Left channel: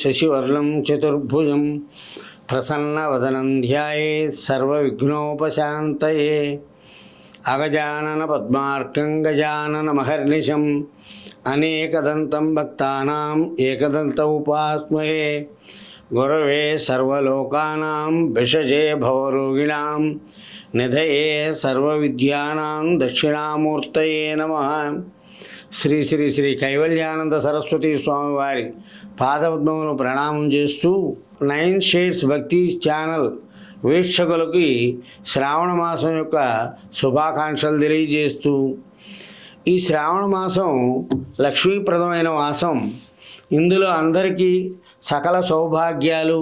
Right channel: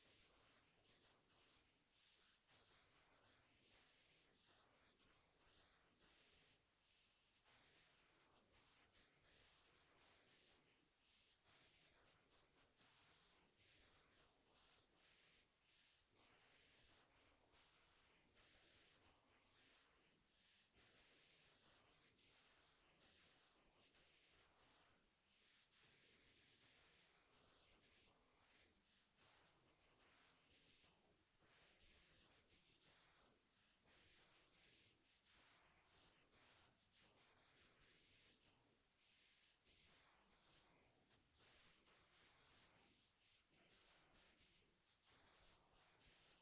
శశివర్ణం చతుర్భుజం ప్రసన్నవదనం ధ్యాయేత్ సర్వవిఘ్నోపశాంతయే. అగజానన పద్మార్కం గజానన మహర్నిశం అనేకదంతం భక్తానాం ఏకదంత ఉపాస్మహే. గురవే సర్వలోకానాం భిషజే భవరోగిణాం నిధయే సర్వవిద్యానాం దక్షిణామూర్తయే నమః. శ్రీ శ్రీ శ్రీ కైవల్యానంద సరస్వతి స్వామివారి పాదపద్మములు ప్రణామం చేస్తూ 9 షేడ్స్ భక్తి ఛానల్ వీక్షకులకి శ్రావణ మాసం యొక్క శుభాకాంక్షలు తెలియజేస్తూ, ఈ శ్రావణ మాసం లక్ష్మీప్రదమైన మాసం. ఇందులో అందరికీ సకల సౌభాగ్యాలు,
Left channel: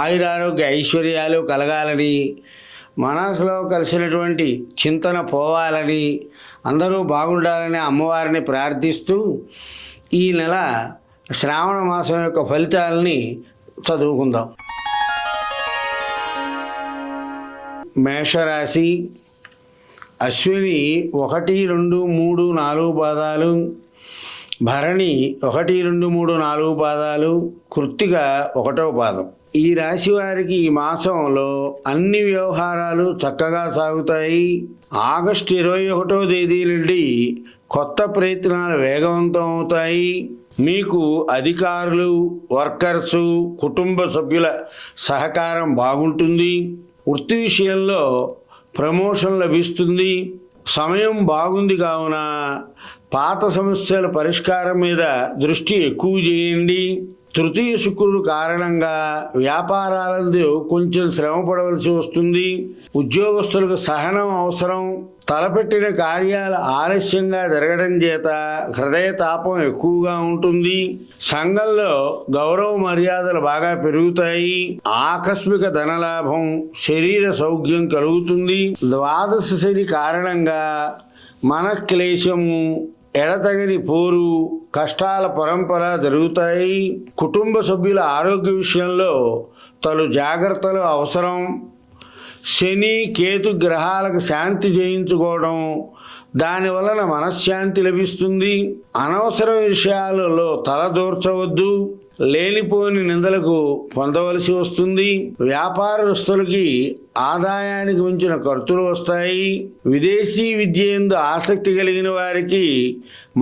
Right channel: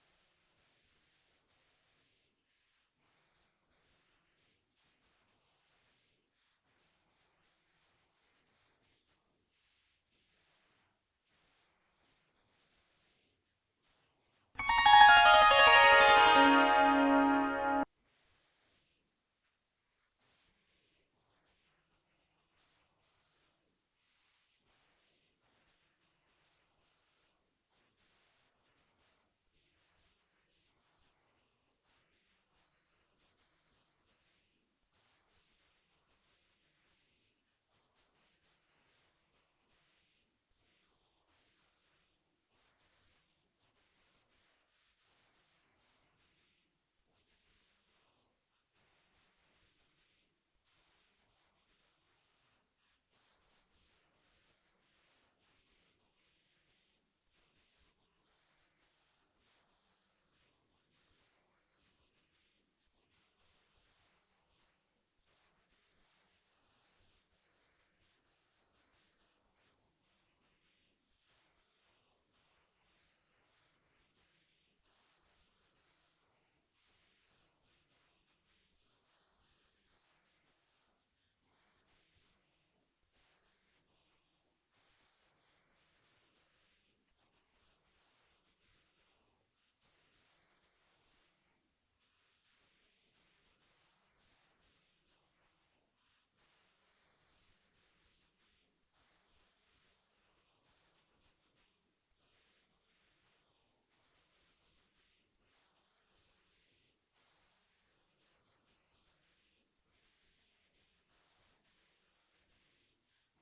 ఆయురారోగ్య ఐశ్వర్యాలు కలగాలని, మనసులో కలిసినటువంటి చింతన పోవాలని, అందరూ బాగుండాలని అమ్మవారిని ప్రార్థిస్తూ ఈ నెల శ్రావణ మాసం యొక్క ఫలితాలని చదువుకుందాం. మేషరాశి అశ్విని 1, 2, 3, 4 పాదాలు, భరణి 1, 2, 3, 4 పాదాలు, కృత్తిక 1వ పాదం. ఈ రాశి వారికి ఈ మాసంలో అన్ని వ్యవహారాలు చక్కగా సాగుతాయి. ఆగస్టు 21వ తేదీ నుండి కొత్త ప్రయత్నాలు వేగవంతం అవుతాయి. మీకు అధికారులు, వర్కర్సు, కుటుంబ సభ్యుల సహకారం బాగుంటుంది. వృత్తి విషయంలో ప్రమోషన్ లభిస్తుంది. సమయం బాగుంది కావున పాత సమస్యల పరిష్కారం మీద దృష్టి ఎక్కువ చేయండి. తృతీయ శుక్రుడు కారణంగా వ్యాపారాలందు కొంచెం శ్రమ పడవలసి వస్తుంది. ఉద్యోగస్తులకు సహనం అవసరం. తలపెట్టిన కార్యాలు ఆలస్యంగా జరగడం చేత హృదయ తాపం ఎక్కువగా ఉంటుంది. సంఘంలో గౌరవ మర్యాదలు బాగా పెరుగుతాయి. ఆకస్మిక ధనలాభం, శరీర సౌఖ్యం కలుగుతుంది. ద్వాదశ శని కారణంగా మనక్లేశము, ఎడతగని పోరు, కష్టాల పరంపర జరుగుతాయి. కుటుంబ సభ్యుల ఆరోగ్య విషయంలో తగు జాగ్రత్తలు అవసరం. శని, కేతు గ్రహాలకు శాంతి చేయించుకోవడం, దానివలన మనశ్శాంతి లభిస్తుంది. అనవసర విషయాలలో తలదూర్చవద్దు. లేనిపోని నిందలకు పొందవలసి వస్తుంది. వ్యాపారస్తులకి ఆదాయానికి మించిన ఖర్చులు వస్తాయి. విదేశీ విద్య యందు ఆసక్తి కలిగిన వారికి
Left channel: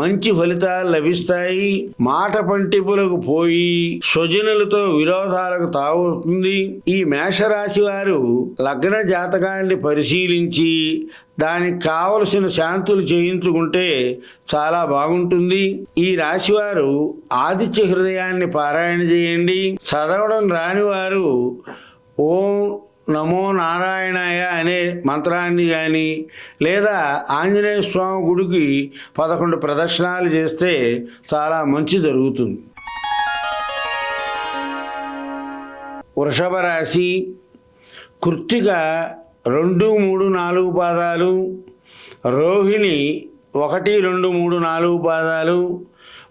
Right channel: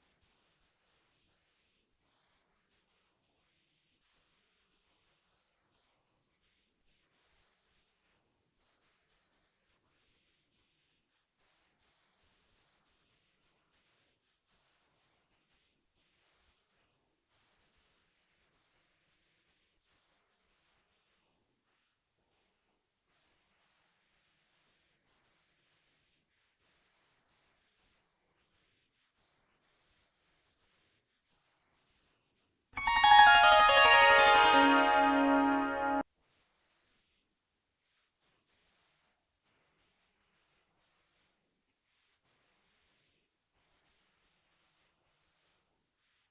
మంచి ఫలితాలు లభిస్తాయి. మాట పంటిపులకు పోయి స్వజనులతో విరోధాలకు తావుతుంది. ఈ మేషరాశి వారు లగ్న జాతకాన్ని పరిశీలించి దానికి కావలసిన శాంతులు చేయించుకుంటే చాలా బాగుంటుంది. ఈ రాశివారు ఆదిత్య హృదయాన్ని పారాయణ చేయండి. చదవడం రాని వారు ఓం నమో నారాయణాయ అనే మంత్రాన్ని కానీ, లేదా ఆంజనేయ స్వామి గుడికి 11 ప్రదక్షిణాలు చేస్తే చాలా మంచి జరుగుతుంది. వృషభ రాశి కృత్తిక 2, 3, 4 పాదాలు, రోహిణి 1, 2, 3, 4 పాదాలు,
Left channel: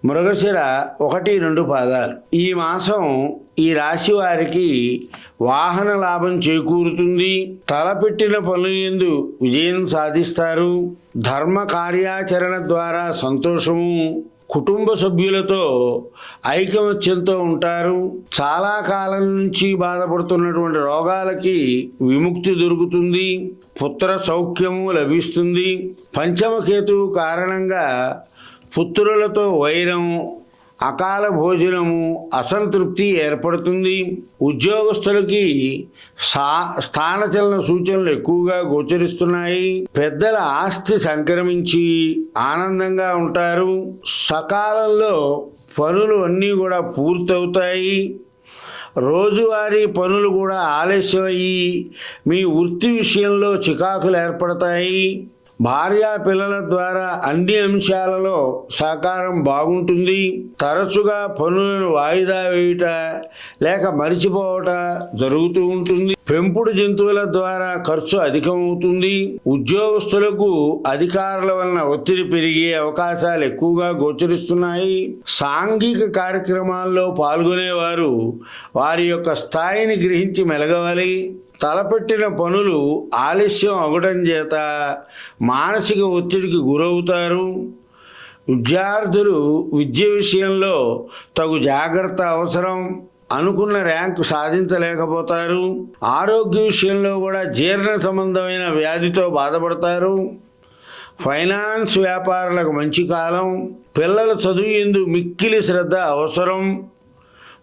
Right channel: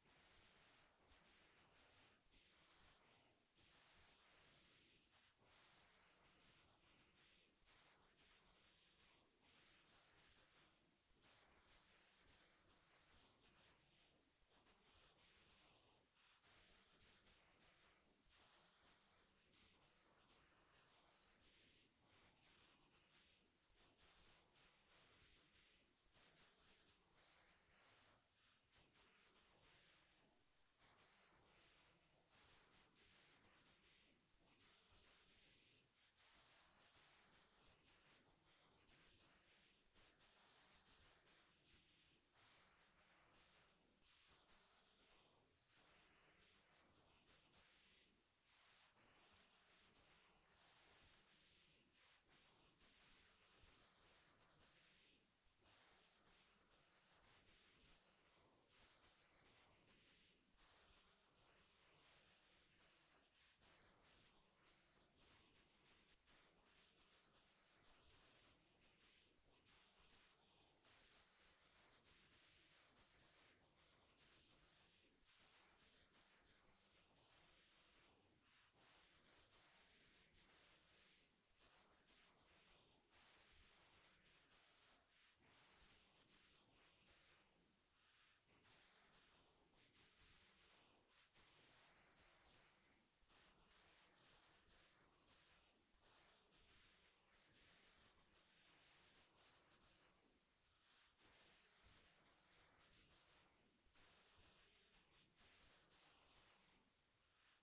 మృగశిర 1, 2 పాదాలు. ఈ మాసం ఈ రాశి వారికి వాహన లాభం చేకూరుతుంది. తలపెట్టిన పనుల యందు విజయం సాధిస్తారు. ధర్మ కార్యాచరణ ద్వారా సంతోషము. కుటుంబ సభ్యులతో ఐకమత్యంతో ఉంటారు. చాలా కాలం నుంచి బాధపడుతున్నటువంటి రోగాలకి విముక్తి దొరుకుతుంది. పుత్ర సౌఖ్యము లభిస్తుంది. పంచమకేతువు కారణంగా పుత్రులతో వైరం, అకాల భోజనము, అసంతృప్తి ఏర్పడుతుంది. ఉద్యోగస్తులకి స్థానచలన సూచనలు ఎక్కువగా గోచరిస్తున్నాయి. పెద్దల ఆస్తి సంక్రమించి ఆనందంగా ఉంటారు. సకాలంలో పనులు అన్నీ కూడా పూర్తవుతాయి. రోజువారీ పనులు కూడా ఆలస్యమయ్యి మీ వృత్తి విషయంలో చికాకులు ఏర్పడతాయి. భార్యా పిల్లల ద్వారా అన్ని అంశాలలో సహకారం బాగుంటుంది. తరచుగా పనులను వాయిదా వేయుట లేక మరిచిపోవట జరుగుతూ ఉంటుంది. పెంపుడు జంతువుల ద్వారా ఖర్చు అధికమవుతుంది. ఉద్యోగస్తులకు అధికారుల వలన ఒత్తిడి పెరిగే అవకాశాలు ఎక్కువగా గోచరిస్తున్నాయి. సాంఘిక కార్యక్రమాల్లో పాల్గొనేవారు వారి యొక్క స్థాయిని గ్రహించి మెలగవాలి. తలపెట్టిన పనులు ఆలస్యం అవడం చేత మానసిక ఒత్తిడికి గురవుతారు. విద్యార్థులు విద్య విషయంలో తగు జాగ్రత్త అవసరం. అనుకున్న ర్యాంకు సాధించలేకపోతారు. ఆరోగ్య విషయంలో కూడా జీర్ణ సంబంధమైన వ్యాధితో బాధపడతారు. ఫైనాన్స్ వ్యాపారులకు మంచి కాలం. పిల్లల చదువు యందు మిక్కిలి శ్రద్ధ అవసరం.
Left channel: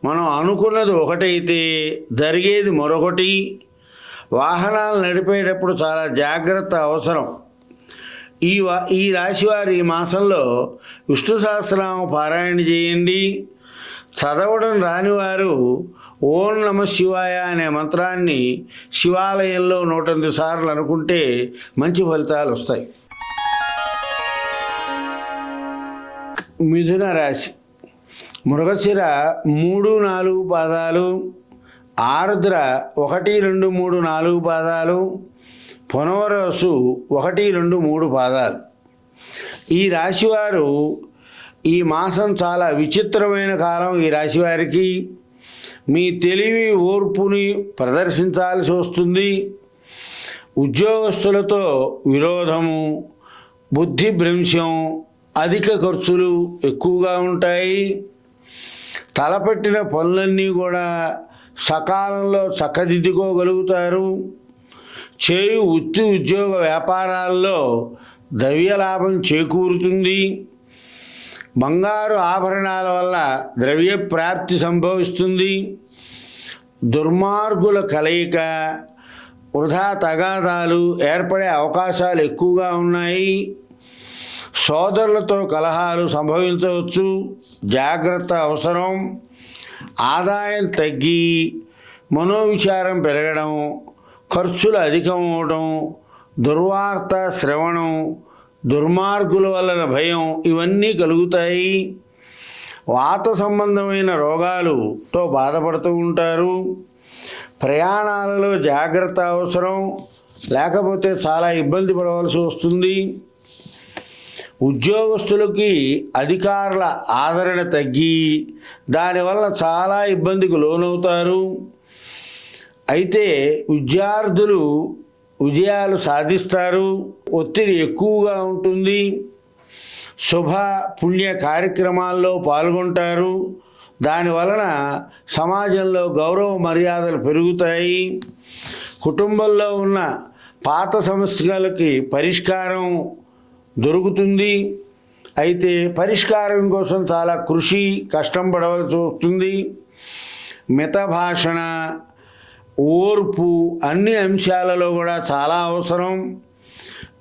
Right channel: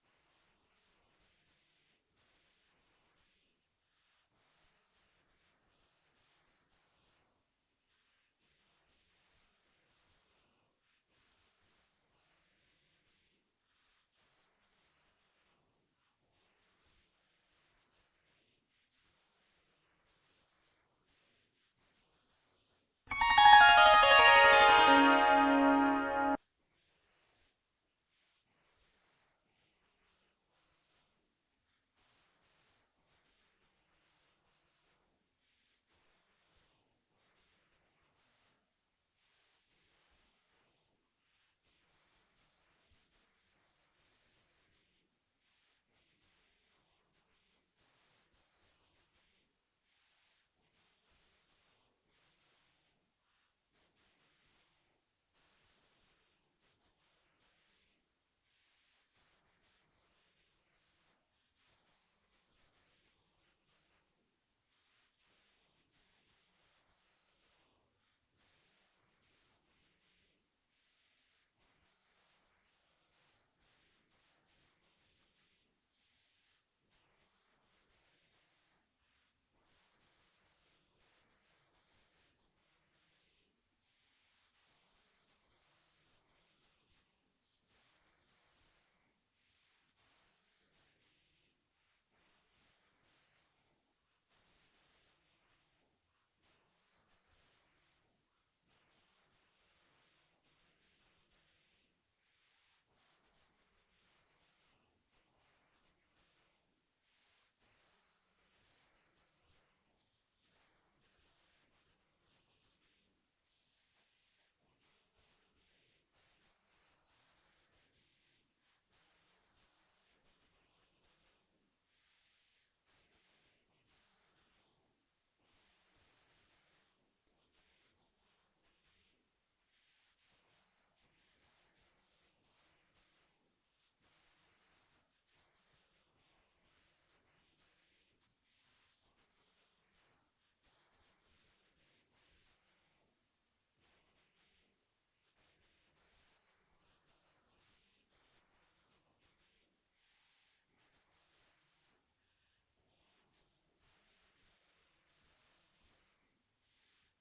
మనం అనుకున్నది ఒకటైతే జరిగేది మరొకటి. వాహనాలు నడిపేటప్పుడు చాలా జాగ్రత్త అవసరం. ఈ రాశివారి ఈ మాసంలో విష్ణు సహస్రనామ పారాయణ చేయండి. చదవడం రానివారు ఓం నమ శివాయ అనే మంత్రాన్ని శివాలయంలో 108 సార్లు అనుకుంటే మంచి ఫలితాలు వస్తాయి. మిథున రాశి. మృగశిర 3, 4 పాదాలు, ఆరుద్ర 1, 2, 3, 4 పాదాలు, పునర్వసు 1, 2, 3 పాదాలు. ఈ రాశివారు ఈ మాసం చాలా విచిత్రమైన కాలం. ఈ రాశివారికి మీ తెలివి ఓర్పుని ప్రదర్శించాల్సి వస్తుంది. ఉద్యోగస్తులతో విరోధము, బుద్ధి భ్రంశం, అధిక ఖర్చులు ఎక్కువగా ఉంటాయి. తలపెట్టిన పనులన్నీ కూడా సకాలంలో చక్కదిద్దుకోగలుగుతారు. చేయు వృత్తి ఉద్యోగ వ్యాపారాల్లో ద్రవ్యలాభం చేకూరుతుంది. బంగారు ఆభరణాల వల్ల ద్రవ్య ప్రాప్తి సంభవిస్తుంది. దుర్మార్గుల కలయిక, వృధా తగాదాలు ఏర్పడే అవకాశాలు ఎక్కువగా ఉన్నాయి. సోదరులతో కలహాలు సంభవించవచ్చు, జాగ్రత్త అవసరం. ఆదాయం తగ్గి మనోవిచారం పెరగడం, ఖర్చులు అధికం అవడం, దుర్వార్త శ్రవణం, దుర్మార్గుల వలన భయం ఇవన్నీ కలుగుతాయి. వాత సంబంధమైన రోగాలతో బాధపడుతూ ఉంటారు. ప్రయాణాలలో జాగ్రత్త అవసరం, లేకపోతే చాలా ఇబ్బంది పడవలసి వస్తుంది. ఉద్యోగస్తులకి అధికారుల ఆదరణ తగ్గి దానివల్ల చాలా ఇబ్బందికి లోనవుతారు. అయితే విద్యార్థులు విజయాలు సాధిస్తారు. ఒత్తిడి ఎక్కువగా ఉంటుంది. శుభ పుణ్య కార్యక్రమాల్లో పాల్గొంటారు. దానివలన సమాజంలో గౌరవ మర్యాదలు పెరుగుతాయి. కుటుంబంలో ఉన్న పాత సమస్యలకి పరిష్కారం దొరుకుతుంది. అయితే పరిష్కారం కోసం చాలా కృషి, కష్టం పడవలసి వస్తుంది. మితభాషణ, ఓర్పు అన్ని అంశాలలో కూడా చాలా అవసరం.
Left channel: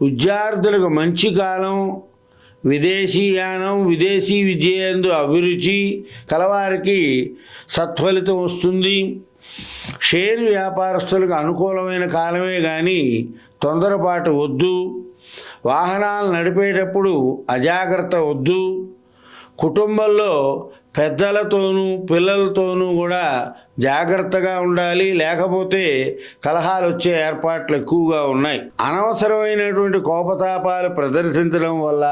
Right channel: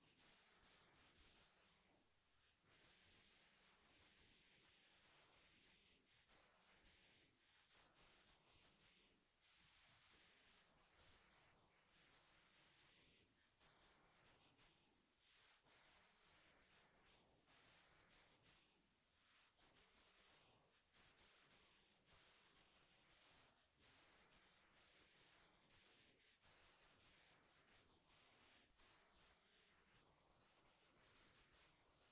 విద్యార్థులకు మంచి కాలం. విదేశీయానం, విదేశీ విద్య యందు అభిరుచి కలవారికి సత్ఫలితం వస్తుంది. షేర్ వ్యాపారస్తులకు అనుకూలమైన కాలమే కానీ తొందరపాటు వద్దు. వాహనాలు నడిపేటప్పుడు అజాగ్రత్త వద్దు. కుటుంబంలో పెద్దలతోనూ పిల్లలతోనూ కూడా జాగ్రత్తగా ఉండాలి, లేకపోతే కలహాలు వచ్చే ఏర్పాట్లు ఎక్కువగా ఉన్నాయి. అనవసరమైనటువంటి కోపతాపాలు ప్రదర్శించడం వల్ల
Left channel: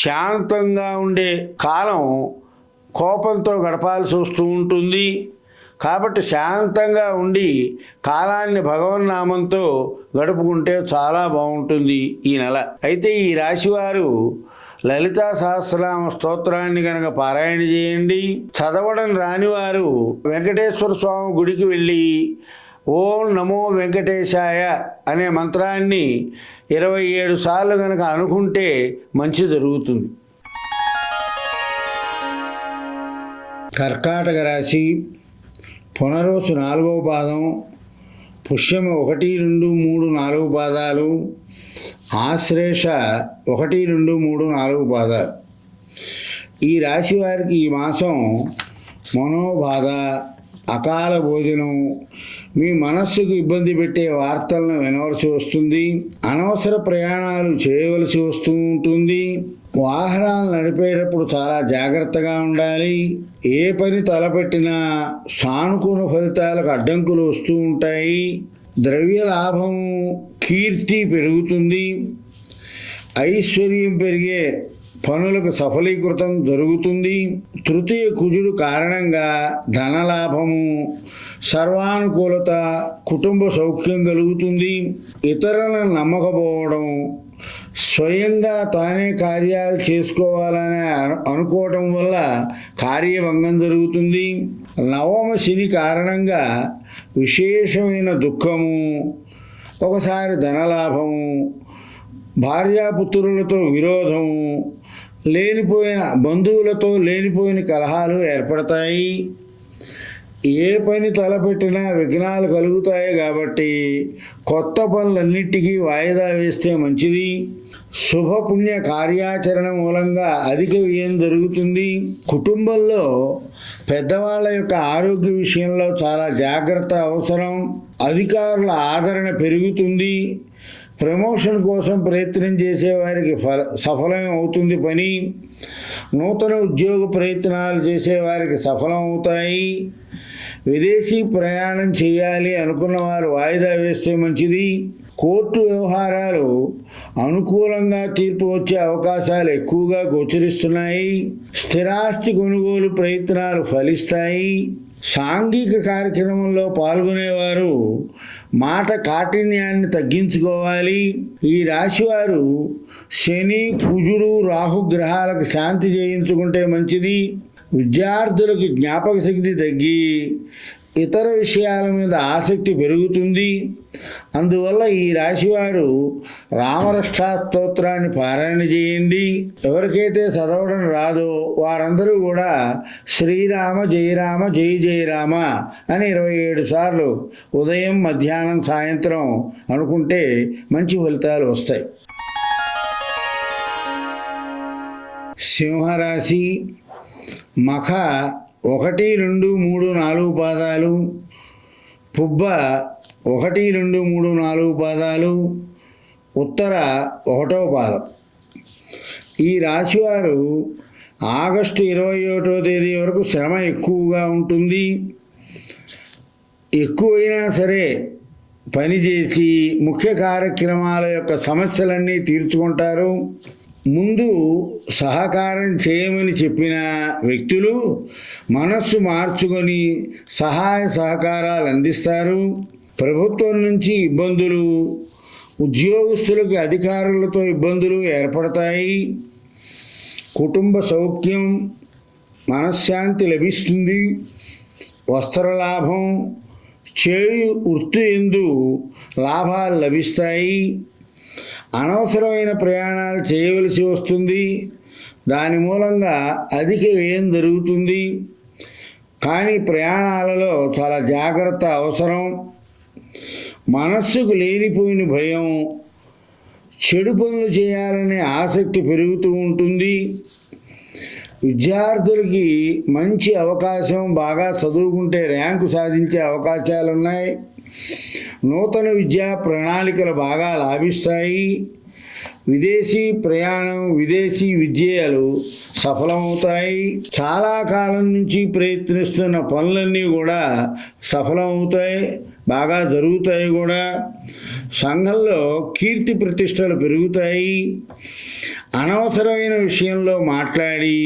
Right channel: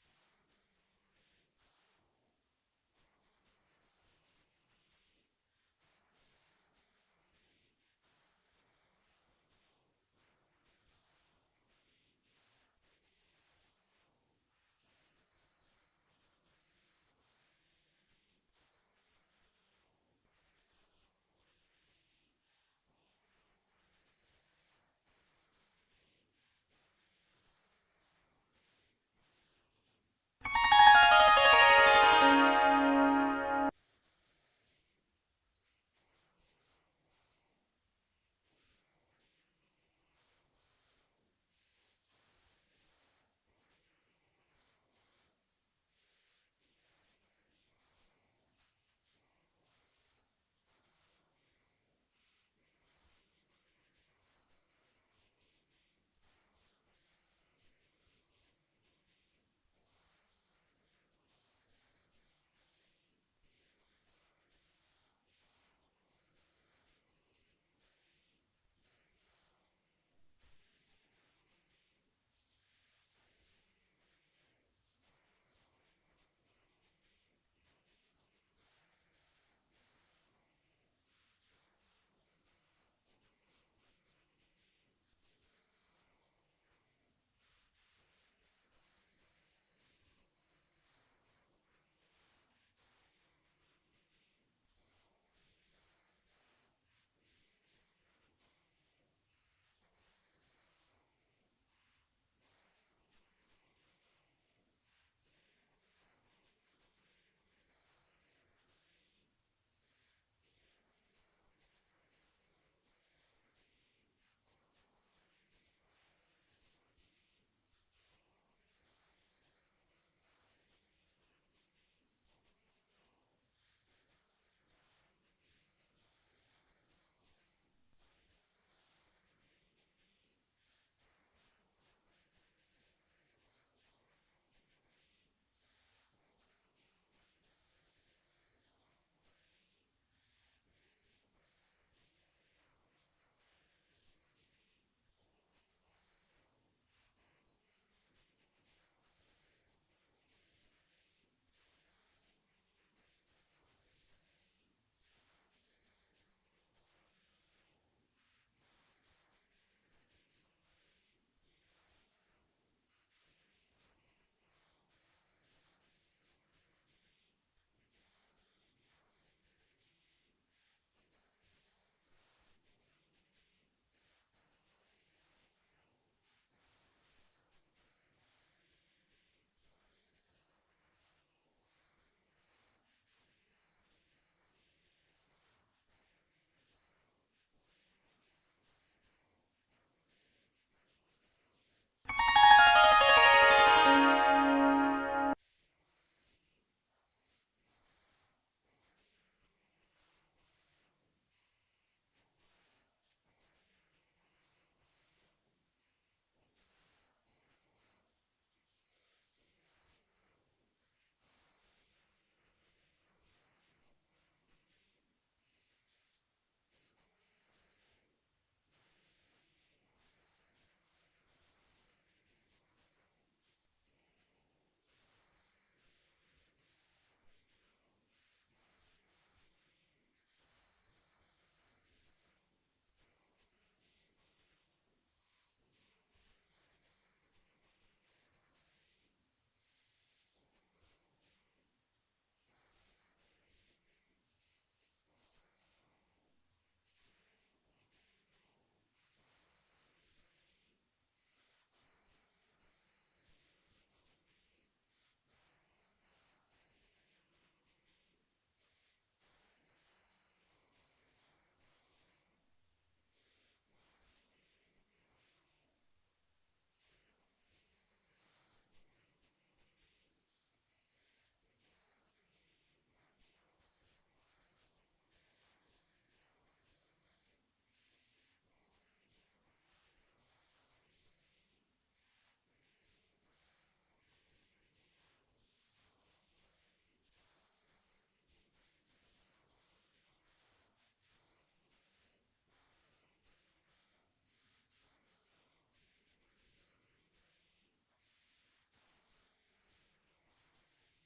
శాంతంగా ఉండే కాలం కోపంతో గడపాల్సి వస్తూ ఉంటుంది. కాబట్టి శాంతంగా ఉండి కాలాన్ని భగవన్నామంతో గడుపుకుంటే చాలా బాగుంటుంది ఈ నెల. అయితే ఈ రాశివారు లలితా సహస్రనామ స్తోత్రాన్ని కనుక పారాయణ చేయండి. చదవడం రానివారు వెంకటేశ్వర స్వామి గుడికి వెళ్ళి ఓం నమో వెంకటేశాయ అనే మంత్రాన్ని 27 సార్లు కనుక అనుకుంటే మంచి జరుగుతుంది. కర్కాటక రాశి. పునర్వసు 4వ పాదం, పుష్యమ 1, 2, 3, 4 పాదాలు, ఆశ్లేష 1, 2, 3, 4 పాదాలు. ఈ రాశి వారికి ఈ మాసం మనోబాధ, అకాల భోజనం, మీ మనస్సుకు ఇబ్బంది పెట్టే వార్తలను వినవలసి వస్తుంది. అనవసర ప్రయాణాలు చేయవలసి వస్తూ ఉంటుంది. వాహనాలు నడిపేటప్పుడు చాలా జాగ్రత్తగా ఉండాలి. ఏ పని తలపెట్టినా సానుకూల ఫలితాలకు అడ్డంకులు వస్తూ ఉంటాయి. ద్రవ్య లాభం, కీర్తి పెరుగుతుంది. ఐశ్వర్యం పెరిగే పనులకు సఫలీకృతం జరుగుతుంది. తృతీయ కుజుడు కారణంగా ధనలాభము, సర్వానుకూలత, కుటుంబ సౌఖ్యం కలుగుతుంది. ఇతరులను నమ్మకపోవడం, స్వయంగా తానే కార్యాలు చేసుకోవాలని అనుకోవటం వల్ల కార్యభంగం జరుగుతుంది. నవమ శని కారణంగా విశేషమైన దుఃఖము, ఒకసారి ధనలాభము, భార్యాపుత్రులతో విరోధము, లేనిపోయిన బంధువులతో లేనిపోయిన కలహాలు ఏర్పడతాయి. ఏ పని తలపెట్టినా విఘ్నాలు కలుగుతాయి కాబట్టి కొత్త పనులన్నిటికీ వాయిదా వేస్తే మంచిది. శుభపుణ్య కార్యాచరణ మూలంగా అధిక వ్యయం జరుగుతుంది. కుటుంబంలో పెద్దవాళ్ళ యొక్క ఆరోగ్య విషయంలో చాలా జాగ్రత్త అవసరం. అధికారుల ఆదరణ పెరుగుతుంది. ప్రమోషన్ కోసం ప్రయత్నం చేసేవారికి సఫలం అవుతుంది పని. నూతన ఉద్యోగ ప్రయత్నాలు చేసేవారికి సఫలం అవుతాయి. విదేశీ ప్రయాణం చేయాలి అనుకున్న వారు వాయిదా వేస్తే మంచిది. కోర్టు వ్యవహారాలు అనుకూలంగా తీర్పు వచ్చే అవకాశాలు ఎక్కువగా గోచరిస్తున్నాయి. స్థిరాస్తి కొనుగోలు ప్రయత్నాలు ఫలిస్తాయి. సాంఘిక కార్యక్రమంలో పాల్గొనేవారు మాట కాఠిన్యాన్ని తగ్గించుకోవాలి. ఈ రాశివారు శని, కుజుడు, రాహు గ్రహాలకు శాంతి చేయించుకుంటే మంచిది. విద్యార్థులకు జ్ఞాపక శక్తి తగ్గి ఇతర విషయాల మీద ఆసక్తి పెరుగుతుంది. అందువల్ల ఈ రాశివారు రామరక్షాస్తోత్రాన్ని పారాయణ చేయండి. ఎవరికైతే చదవడం రాదో వారందరూ కూడా శ్రీరామ జయ రామ జయ జయ రామ అని 27 సార్లు ఉదయం, మధ్యాహ్నం, సాయంత్రం అనుకుంటే మంచి ఫలితాలు వస్తాయి. సింహరాశి మఖ 1, 2, 3, 4 పాదాలు, పుబ్బ 1, 2, 3, 4 పాదాలు, ఉత్తర 1వ పాదం. ఈ రాశివారు ఆగస్టు 21వ తేదీ వరకు శ్రమ ఎక్కువగా ఉంటుంది. ఎక్కువైనా సరే పనిచేసి ముఖ్య కార్యక్రమాల యొక్క సమస్యలన్నీ తీర్చుకుంటారు. ముందు సహకారం చేయమని చెప్పిన వ్యక్తులు మనస్సు మార్చుకొని సహాయ సహకారాలు అందిస్తారు. ప్రభుత్వం నుంచి ఇబ్బందులు, ఉద్యోగస్తులకు అధికారులతో ఇబ్బందులు ఏర్పడతాయి. కుటుంబ సౌఖ్యం, మనశ్శాంతి లభిస్తుంది. వస్త్రలాభం, చేయు వృత్తి యందు లాభాలు లభిస్తాయి. అనవసరమైన ప్రయాణాలు చేయవలసి వస్తుంది. దాని మూలంగా అధిక వ్యయం జరుగుతుంది. కానీ ప్రయాణాలలో చాలా జాగ్రత్త అవసరం. మనస్సుకు లేనిపోయిన భయం, చెడు పనులు చేయాలనే ఆసక్తి పెరుగుతూ ఉంటుంది. విద్యార్థులకి మంచి అవకాశం, బాగా చదువుకుంటే ర్యాంకు సాధించే అవకాశాలు ఉన్నాయి. నూతన విద్యా ప్రణాళికలు బాగా లాభిస్తాయి. విదేశీ ప్రయాణం, విదేశీ విద్యలు సఫలమవుతాయి. చాలా కాలం నుంచి ప్రయత్నిస్తున్న పనులన్నీ కూడా సఫలమవుతాయి, బాగా జరుగుతాయి కూడా. సంఘంలో కీర్తి ప్రతిష్టలు పెరుగుతాయి. అనవసరమైన విషయంలో మాట్లాడి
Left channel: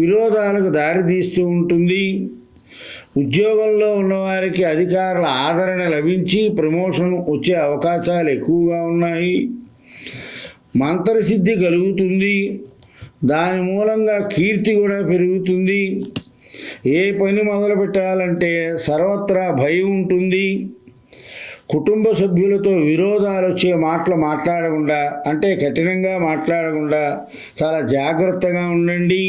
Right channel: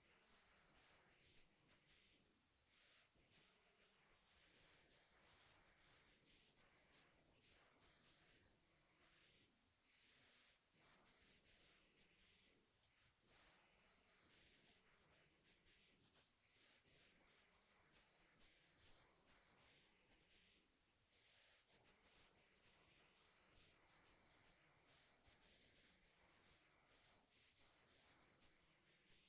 విరోధాలకు దారితీస్తూ ఉంటుంది. ఉద్యోగంలో ఉన్నవారికి అధికారుల ఆదరణ లభించి ప్రమోషన్ వచ్చే అవకాశాలు ఎక్కువగా ఉన్నాయి. మంత్రసిద్ధి కలుగుతుంది. దాని మూలంగా కీర్తి కూడా పెరుగుతుంది. ఏ పని మొదలు పెట్టాలంటే సర్వత్రా భయం ఉంటుంది. కుటుంబ సభ్యులతో విరోధాలు వచ్చే మాటలు మాట్లాడకుండా, అంటే కఠినంగా మాట్లాడకుండా చాలా జాగ్రత్తగా ఉండండి.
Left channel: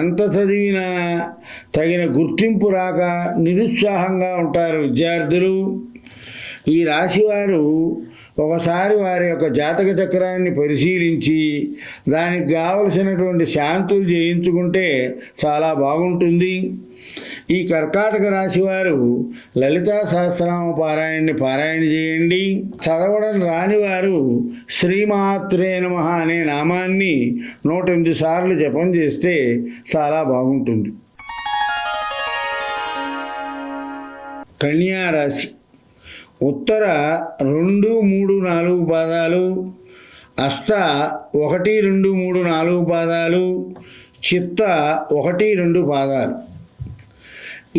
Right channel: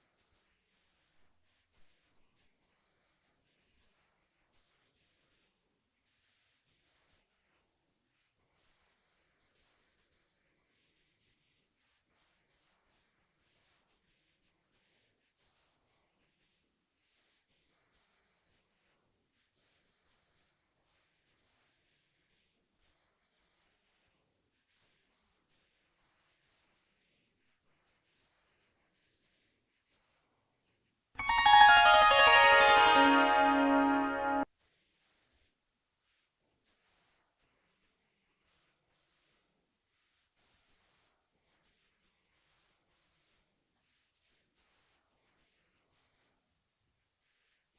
ఎంత చదివినా తగిన గుర్తింపు రాక నిరుత్సాహంగా ఉంటారు విద్యార్థులు. ఈ రాశివారు ఒకసారి వారి యొక్క జాతక చక్రాన్ని పరిశీలించి దానికి కావలసినటువంటి శాంతులు చేయించుకుంటే చాలా బాగుంటుంది. ఈ కర్కాటక రాశివారు లలితా సహస్రనామ పారాయణ చేయండి. చదవడం రాని వారు శ్రీమాత్రే నమః అనే నామాన్ని 108 సార్లు జపం చేస్తే చాలా బాగుంటుంది. కన్యా రాశి ఉత్తర 2, 3, 4 పాదాలు, అష్ట 1, 2, 3, 4 పాదాలు, చిత్త 1, 2 పాదాలు.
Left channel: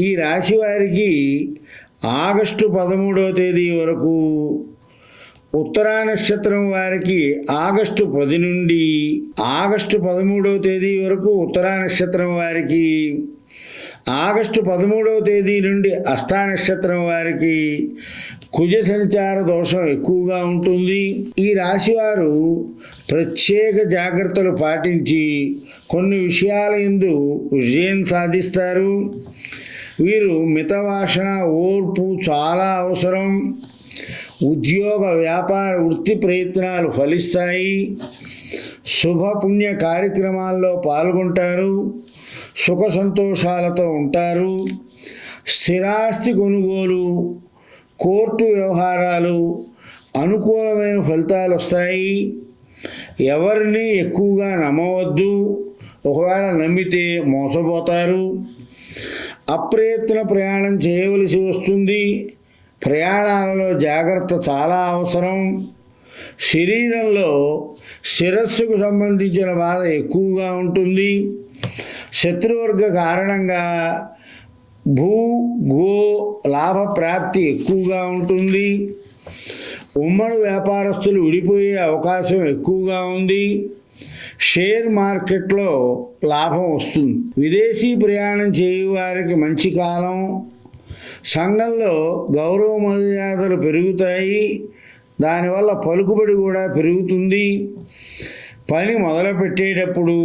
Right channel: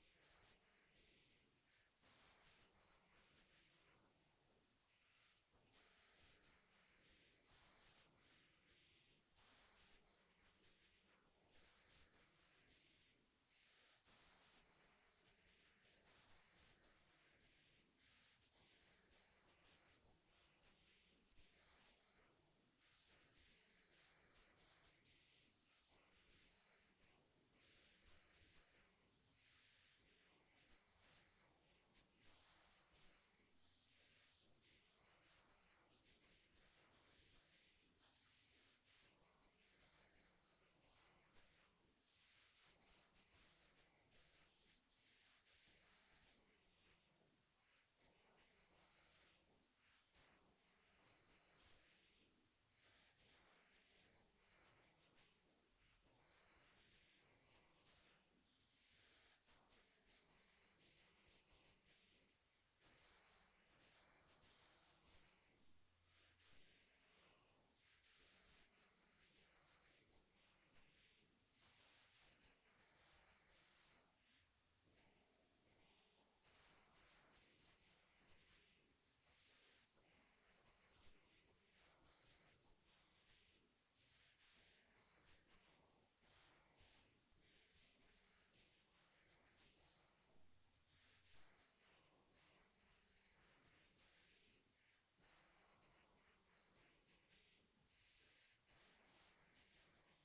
ఈ రాశి వారికి ఆగస్టు 13వ తేదీ వరకు, ఉత్తరా నక్షత్రం వారికి ఆగస్టు 10 నుండి ఆగస్టు 13వ తేదీ వరకు ఉత్తరా నక్షత్రం వారికి, ఆగస్టు 13వ తేదీ నుండి హస్తా నక్షత్రం వారికి కుజ సంచార దోషం ఎక్కువగా ఉంటుంది. ఈ రాశివారు ప్రత్యేక జాగ్రత్తలు పాటించి కొన్ని విషయాల యందు విజయం సాధిస్తారు. వీరు మితవాసన, ఓర్పు చాలా అవసరం. ఉద్యోగ, వ్యాపార, వృత్తి ప్రయత్నాలు ఫలిస్తాయి. శుభపుణ్య కార్యక్రమాల్లో పాల్గొంటారు. సుఖ సంతోషాలతో ఉంటారు. స్థిరాస్తి కొనుగోలు, కోర్టు వ్యవహారాలు అనుకూలమైన ఫలితాలు వస్తాయి. ఎవరిని ఎక్కువగా నమ్మవద్దు, ఒకవేళ నమ్మితే మోసపోతారు. అప్రయత్న ప్రయాణం చేయవలసి వస్తుంది. ప్రయాణాలలో జాగ్రత్త చాలా అవసరం. శరీరంలో శిరస్సుకు సంబంధించిన బాధ ఎక్కువగా ఉంటుంది. శత్రువర్గ కారణంగా భూ గో లాభ ప్రాప్తి ఎక్కువగా ఉంటుంది. ఉమ్మడి వ్యాపారస్తులు విడిపోయే అవకాశం ఎక్కువగా ఉంది. షేర్ మార్కెట్లో లాభం వస్తుంది. విదేశీ ప్రయాణం చేయవారికి మంచి కాలం. సంఘంలో గౌరవ మర్యాదలు పెరుగుతాయి. దానివల్ల పలుకుబడి కూడా పెరుగుతుంది. పని మొదలుపెట్టేటప్పుడు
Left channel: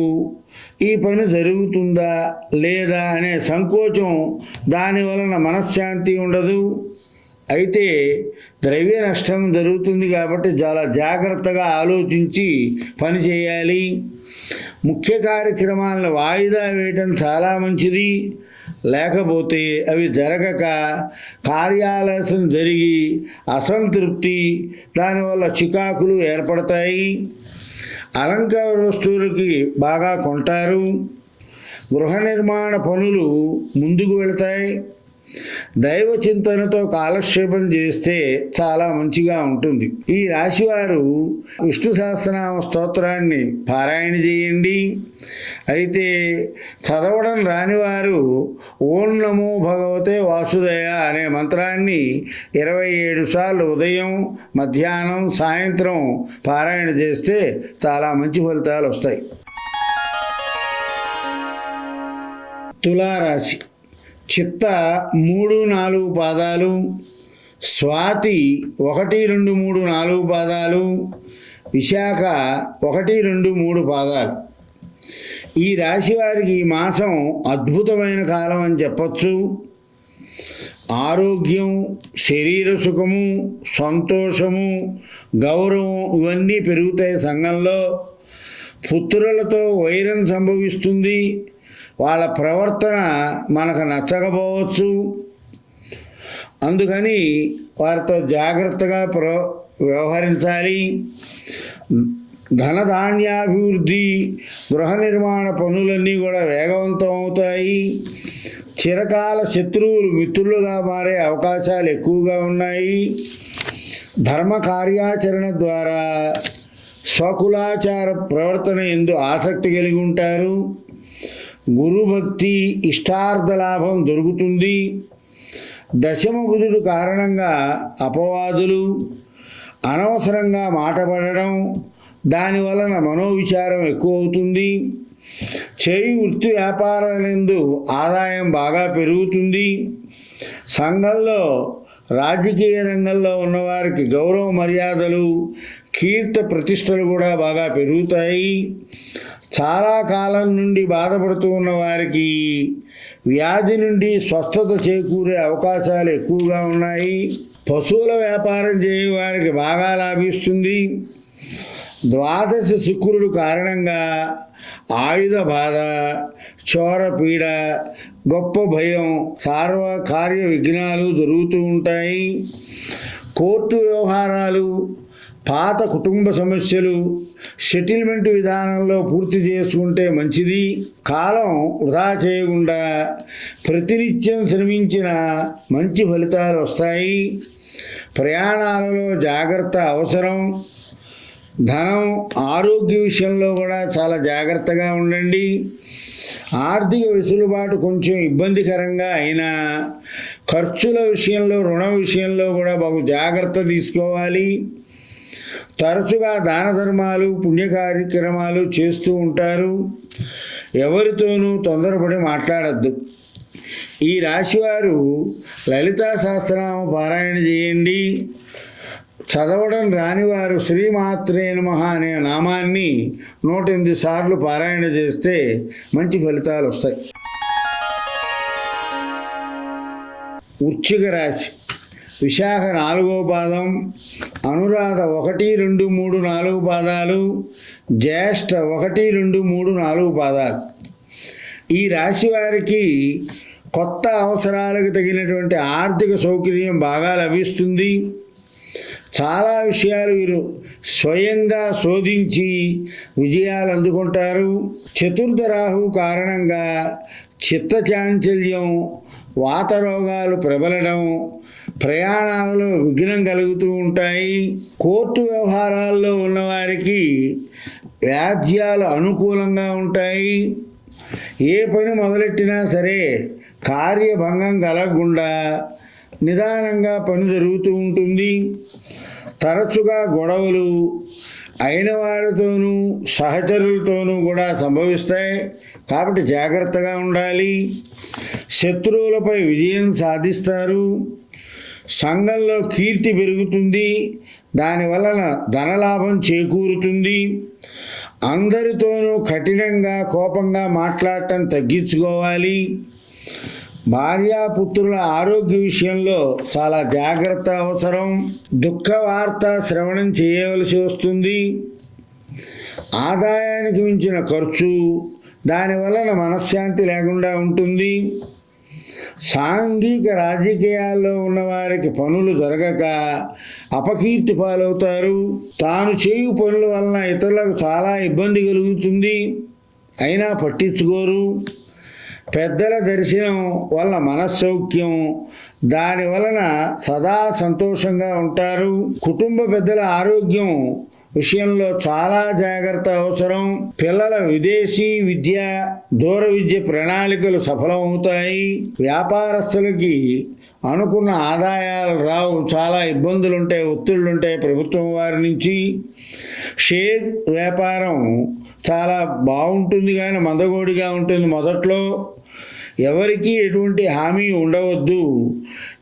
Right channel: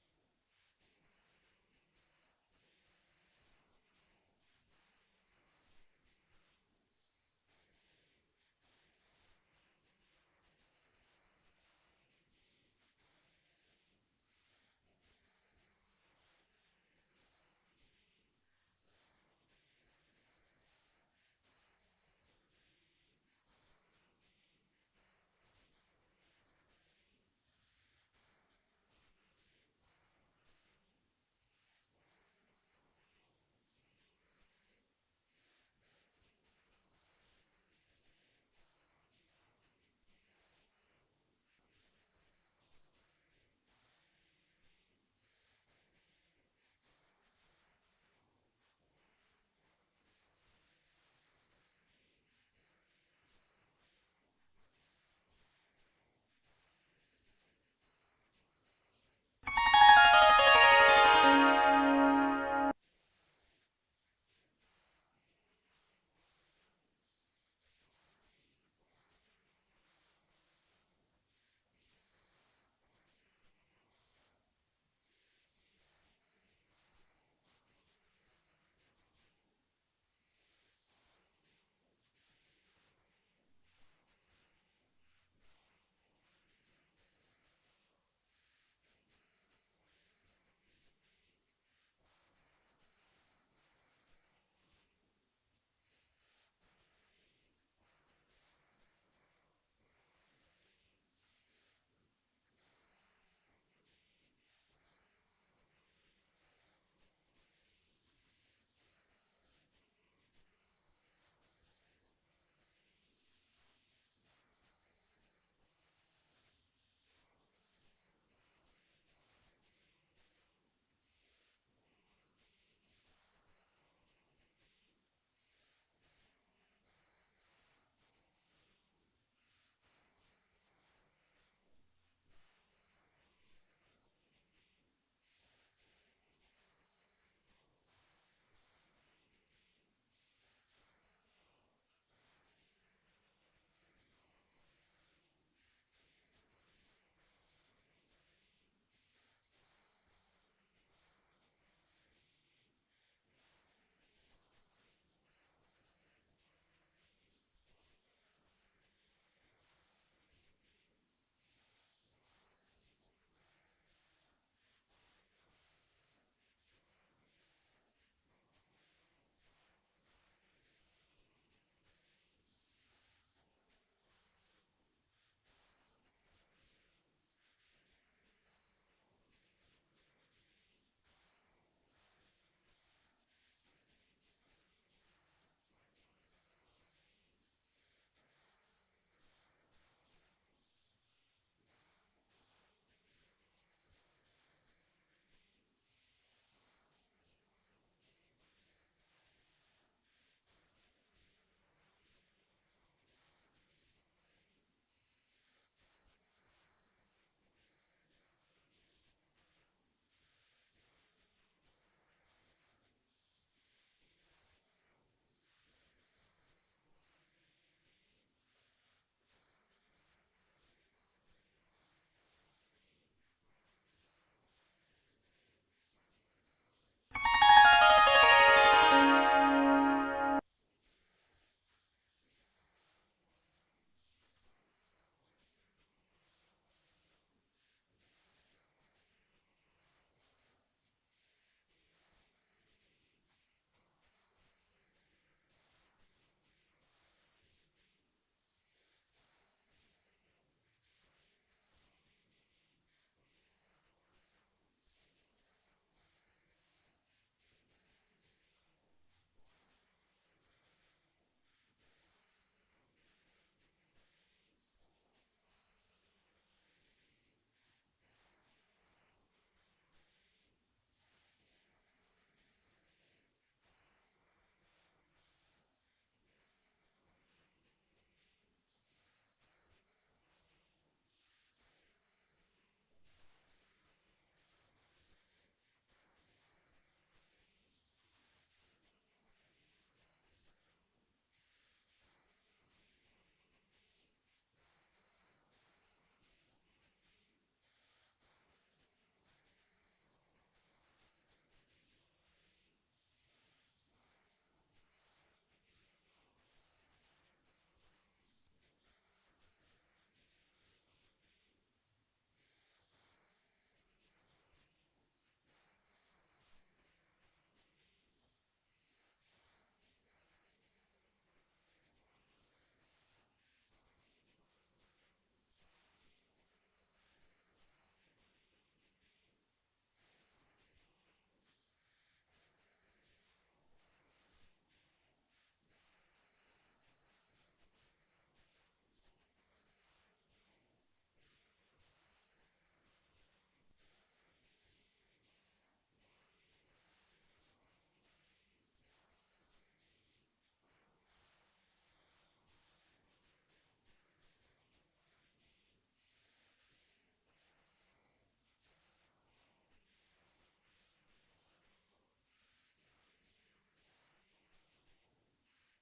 ఈ పని జరుగుతుందా లేదా అనే సంకోచం, దానివలన మనశ్శాంతి ఉండదు. అయితే ద్రవ్య నష్టం జరుగుతుంది కాబట్టి చాలా జాగ్రత్తగా ఆలోచించి పని చేయాలి. ముఖ్య కార్యక్రమాలను వాయిదా వేయటం చాలా మంచిది. లేకపోతే అవి జరగక కార్యాలయం జరిగి అసంతృప్తి, దానివల్ల చికాకులు ఏర్పడతాయి. అలంకార వస్తువులకి బాగా కొంటారు. గృహ నిర్మాణ పనులు ముందుకు వెళతాయి. దైవ చింతనతో కాలక్షేపం చేస్తే చాలా మంచిగా ఉంటుంది. ఈ రాశివారు విష్ణు సహస్రనామ స్తోత్రాన్ని పారాయణ చేయండి. అయితే చదవడం రానివారు ఓం నమో భగవతే వాసుదేయ అనే మంత్రాన్ని 27 సార్లు ఉదయం, మధ్యాహ్నం, సాయంత్రం పారాయణ చేస్తే చాలా మంచి ఫలితాలు వస్తాయి. తులారాశి చిత్త 3, 4 పాదాలు, స్వాతి 1, 2, 3, 4 పాదాలు, విశాఖ 1, 2, 3 పాదాలు. ఈ రాశి వారికి ఈ మాసం అద్భుతమైన కాలం అని చెప్పచ్చు. ఆరోగ్యం, శరీర సుఖము, సంతోషము, గౌరవం ఇవన్నీ పెరుగుతాయి. సంఘంలో పుత్రులతో వైరం సంభవిస్తుంది. వాళ్ళ ప్రవర్తన మనకు నచ్చకపోవచ్చు. అందుకని వారితో జాగ్రత్తగా వ్యవహరించాలి. ధనధాన్యాభివృద్ధి, గృహ నిర్మాణ పనులన్నీ కూడా వేగవంతం అవుతాయి. చిరకాల శత్రువులు మిత్రులుగా మారే అవకాశాలు ఎక్కువగా ఉన్నాయి. ధర్మ కార్యాచరణ ద్వారా స్వకులాచార ప్రవర్తన యందు ఆసక్తి కలిగి ఉంటారు. గురుభక్తి, ఇష్టార్థ లాభం దొరుకుతుంది. దశమ బుధుడు కారణంగా అపవాదులు, అనవసరంగా మాట పడడం, దానివలన మనోవిచారం ఎక్కువ అవుతుంది. చేయి వృత్తి వ్యాపారాలందు ఆదాయం బాగా పెరుగుతుంది. సంఘంలో, రాజకీయ రంగంలో ఉన్నవారికి గౌరవ మర్యాదలు, కీర్తి ప్రతిష్టలు కూడా బాగా పెరుగుతాయి. చాలా కాలం నుండి బాధపడుతూ ఉన్న వారికి వ్యాధి నుండి స్వస్థత చేకూరే అవకాశాలు ఎక్కువగా ఉన్నాయి. పశువుల వ్యాపారం చేయే వారికి బాగా లాభిస్తుంది. ద్వాదశ శుక్రుడు కారణంగా ఆయుధ బాధ, చోర పీడ, గొప్ప భయం, కార్య విఘ్నాలు జరుగుతూ ఉంటాయి. కోర్టు వ్యవహారాలు, పాత కుటుంబ సమస్యలు సెటిల్మెంట్ విధానంలో పూర్తి చేసుకుంటే మంచిది. కాలం వృధా చేయకుండా ప్రతినిత్యం శ్రమించిన మంచి ఫలితాలు వస్తాయి. ప్రయాణాలలో జాగ్రత్త అవసరం. ధనం, ఆరోగ్య విషయంలో కూడా చాలా జాగ్రత్తగా ఉండండి. ఆర్థిక వెసులుబాటు కొంచెం ఇబ్బందికరంగా అయినా ఖర్చుల విషయంలో, రుణ విషయంలో కూడా బహు జాగ్రత్త తీసుకోవాలి. తరచుగా దాన ధర్మాలు, పుణ్య కార్యక్రమాలు చేస్తూ ఉంటారు. ఎవరితోనూ తొందరపడి మాట్లాడద్దు. ఈ రాశివారు లలితా సహస్రనామ పారాయణ చేయండి. చదవడం రానివారు శ్రీమాత్రే నమః అనే నామాన్ని 108 సార్లు పారాయణ చేస్తే మంచి ఫలితాలు వస్తాయి. వృశ్చిక రాశి. విశాఖ 4వ పాదం, అనురాధ 1, 2, 3, 4 పాదాలు, జ్యేష్ఠ 1, 2, 3, 4 పాదాలు. ఈ రాశి వారికి కొత్త అవసరాలకు తగినటువంటి ఆర్థిక సౌకర్యం బాగా లభిస్తుంది. చాలా విషయాలు వీరు స్వయంగా శోధించి విజయాలు అందుకుంటారు. చతుర్థ రాహువు కారణంగా చిత్తచాంచల్యం, వాత రోగాలు ప్రబలడం, ప్రయాణాలలో విఘ్నం కలుగుతూ ఉంటాయి. కోర్టు వ్యవహారాల్లో ఉన్నవారికి వ్యాజ్యాలు అనుకూలంగా ఉంటాయి. ఏ పని మొదలెట్టినా సరే కార్యభంగం కలగకుండా నిదానంగా పని జరుగుతూ ఉంటుంది. తరచుగా గొడవలు అయిన వారితోనూ సహచరులతోనూ కూడా సంభవిస్తాయి. కాబట్టి జాగ్రత్తగా ఉండాలి. శత్రువులపై విజయం సాధిస్తారు. సంఘంలో కీర్తి పెరుగుతుంది. దానివలన ధనలాభం చేకూరుతుంది. అందరితోనూ కఠినంగా, కోపంగా మాట్లాడటం తగ్గించుకోవాలి. భార్యాపుత్రుల ఆరోగ్య విషయంలో చాలా జాగ్రత్త అవసరం. దుఃఖ వార్త శ్రవణం చేయవలసి వస్తుంది. ఆదాయానికి మించిన ఖర్చు, దానివలన మనశ్శాంతి లేకుండా ఉంటుంది. సాంఘిక రాజకీయాల్లో ఉన్నవారికి పనులు జరగక అపకీర్తి పాలవుతారు. తాను చేయు పనుల వలన ఇతరులకు చాలా ఇబ్బంది కలుగుతుంది. అయినా పట్టించుకోరు. పెద్దల దర్శనం వలన మనస్సౌఖ్యం, దాని వలన సదా సంతోషంగా ఉంటారు. కుటుంబ పెద్దల ఆరోగ్యం విషయంలో చాలా జాగ్రత్త అవసరం. పిల్లల విదేశీ విద్య, దూర విద్య ప్రణాళికలు సఫలమవుతాయి. వ్యాపారస్తులకి అనుకున్న ఆదాయాలు రావు. చాలా ఇబ్బందులుంటాయి, ఒత్తిళ్లుంటాయి ప్రభుత్వం వారి నుంచి. షేర్ వ్యాపారం చాలా బాగుంటుంది కానీ మందగోడిగా ఉంటుంది మొదట్లో. ఎవరికీ ఎటువంటి హామీ ఉండవద్దు.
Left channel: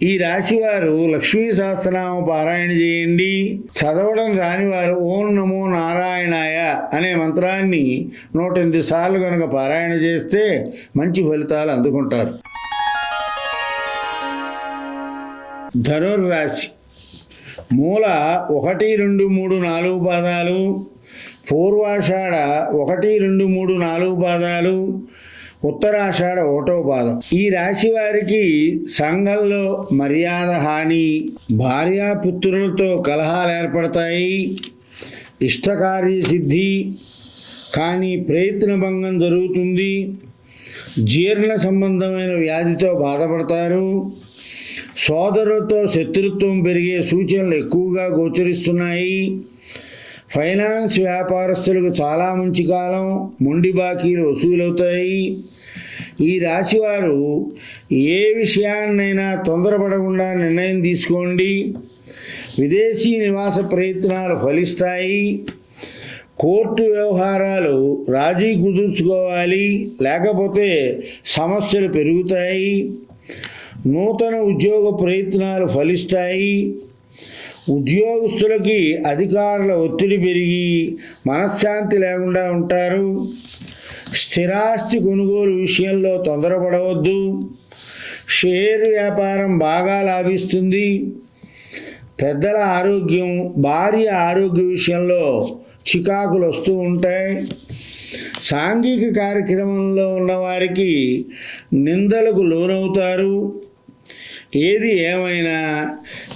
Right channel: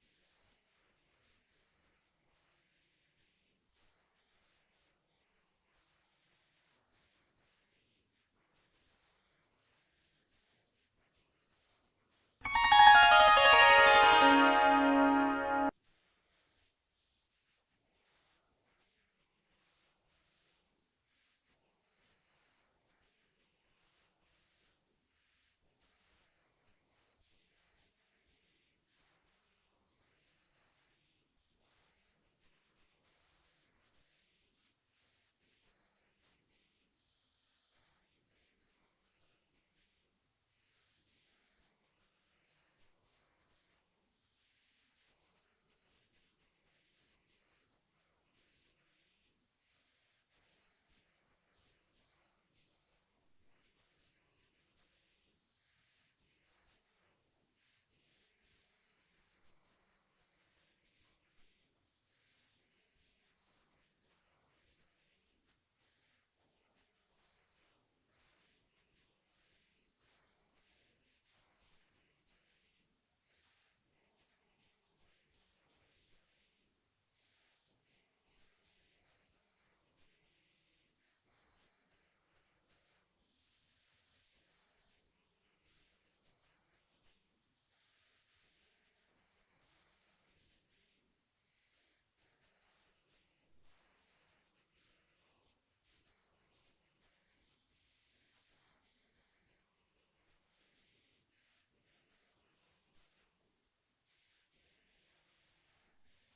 ఈ రాశివారు లక్ష్మీ సహస్రనామ పారాయణ చేయండి. చదవడం రానివారు ఓం నమో నారాయణాయ అనే మంత్రాన్ని 108 సార్లు కనుక పారాయణ చేస్తే మంచి ఫలితాలు అందుకుంటారు. ధనుర్రాశి. మూల 1, 2, 3, 4 పాదాలు, పూర్వాషాఢ 1, 2, 3, 4 పాదాలు, ఉత్తరాషాఢ 1వ పాదం. ఈ రాశి వారికి సంఘంలో మర్యాద హాని, భార్యాపుత్రులతో కలహాలు ఏర్పడతాయి. ఇష్టకార్య సిద్ధి కానీ ప్రయత్న భంగం జరుగుతుంది. జీర్ణ సంబంధమైన వ్యాధితో బాధపడతారు. సోదరులతో శత్రుత్వం పెరిగే సూచనలు ఎక్కువగా గోచరిస్తున్నాయి. ఫైనాన్స్ వ్యాపారస్తులకు చాలా మంచి కాలం. మొండి బాకీలు వసూలవుతాయి. ఈ రాశివారు ఏ విషయాన్నైనా తొందరపడకుండా నిర్ణయం తీసుకోండి. విదేశీ నివాస ప్రయత్నాలు ఫలిస్తాయి. కోర్టు వ్యవహారాలు రాజీ కుదుర్చుకోవాలి, లేకపోతే సమస్యలు పెరుగుతాయి. నూతన ఉద్యోగ ప్రయత్నాలు ఫలిస్తాయి. ఉద్యోగస్తులకి అధికారుల ఒత్తిడి పెరిగి మనశ్శాంతి లేకుండా ఉంటారు. స్థిరాస్తి కొనుగోలు విషయంలో తొందరపడవద్దు. షేర్ వ్యాపారం బాగా లాభిస్తుంది. పెద్దల ఆరోగ్యం, భార్య ఆరోగ్య విషయంలో చికాకులు వస్తూ ఉంటాయి. సాంఘిక కార్యక్రమంలో ఉన్నవారికి నిందలకు లోనవుతారు. ఏది ఏమైనా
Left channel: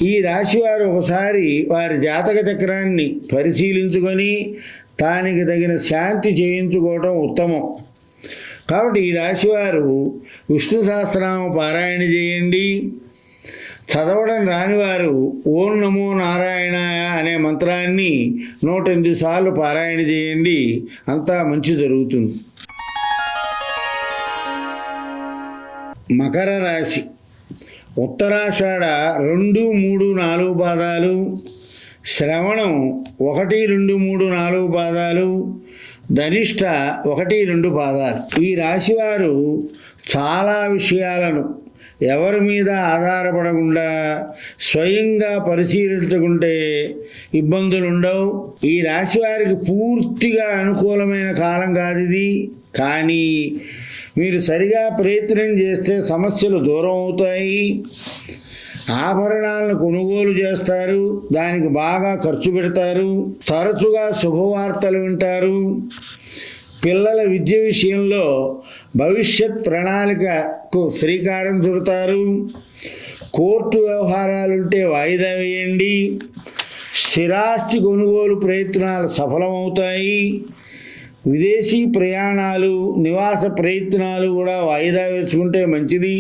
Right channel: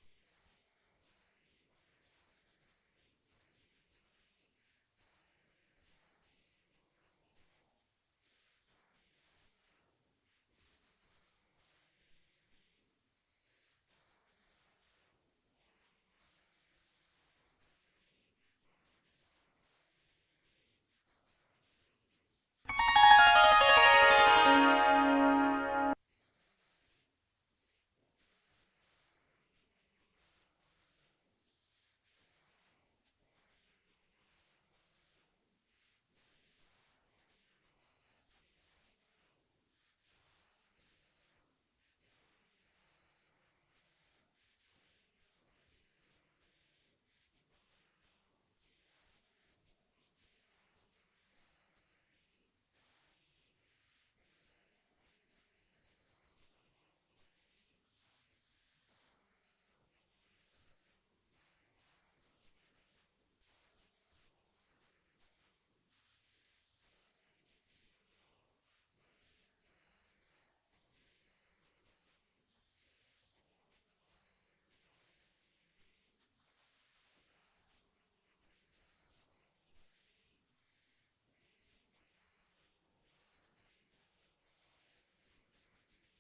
ఈ రాశివారు ఒకసారి వారి జాతక చక్రాన్ని పరిశీలించుకొని దానికి తగిన శాంతి చేయించుకోవటం ఉత్తమం. కాబట్టి ఈ రాశివారు విష్ణు సహస్రనామ పారాయణ చేయండి. చదవడం రానివారు ఓం నమో నారాయణాయ అనే మంత్రాన్ని 108 సార్లు పారాయణ చేయండి, అంతా మంచి జరుగుతుంది. మకర రాశి. ఉత్తరాషాఢ 2, 3, 4 పాదాలు, శ్రవణం 1, 2, 3, 4 పాదాలు, ధనిష్ట 1, 2 పాదాలు. ఈ రాశివారు చాలా విషయాలను ఎవరి మీద ఆధారపడకుండా స్వయంగా పరిశీలించుకుంటే ఇబ్బందులు ఉండవు. ఈ రాశి వారికి పూర్తిగా అనుకూలమైన కాలం కాదు ఇది. కానీ మీరు సరిగా ప్రయత్నం చేస్తే సమస్యలు దూరం అవుతాయి. ఆభరణాలను కొనుగోలు చేస్తారు, దానికి బాగా ఖర్చు పెడతారు, తరచుగా శుభవార్తలు వింటారు. పిల్లల విద్య విషయంలో భవిష్యత్ ప్రణాళికకు శ్రీకారం చుడతారు. కోర్టు వ్యవహారాలుంటే వాయిదా వేయండి. స్థిరాస్తి కొనుగోలు ప్రయత్నాలు సఫలమవుతాయి. విదేశీ ప్రయాణాలు, నివాస ప్రయత్నాలు కూడా వాయిదా వేసుకుంటే మంచిది.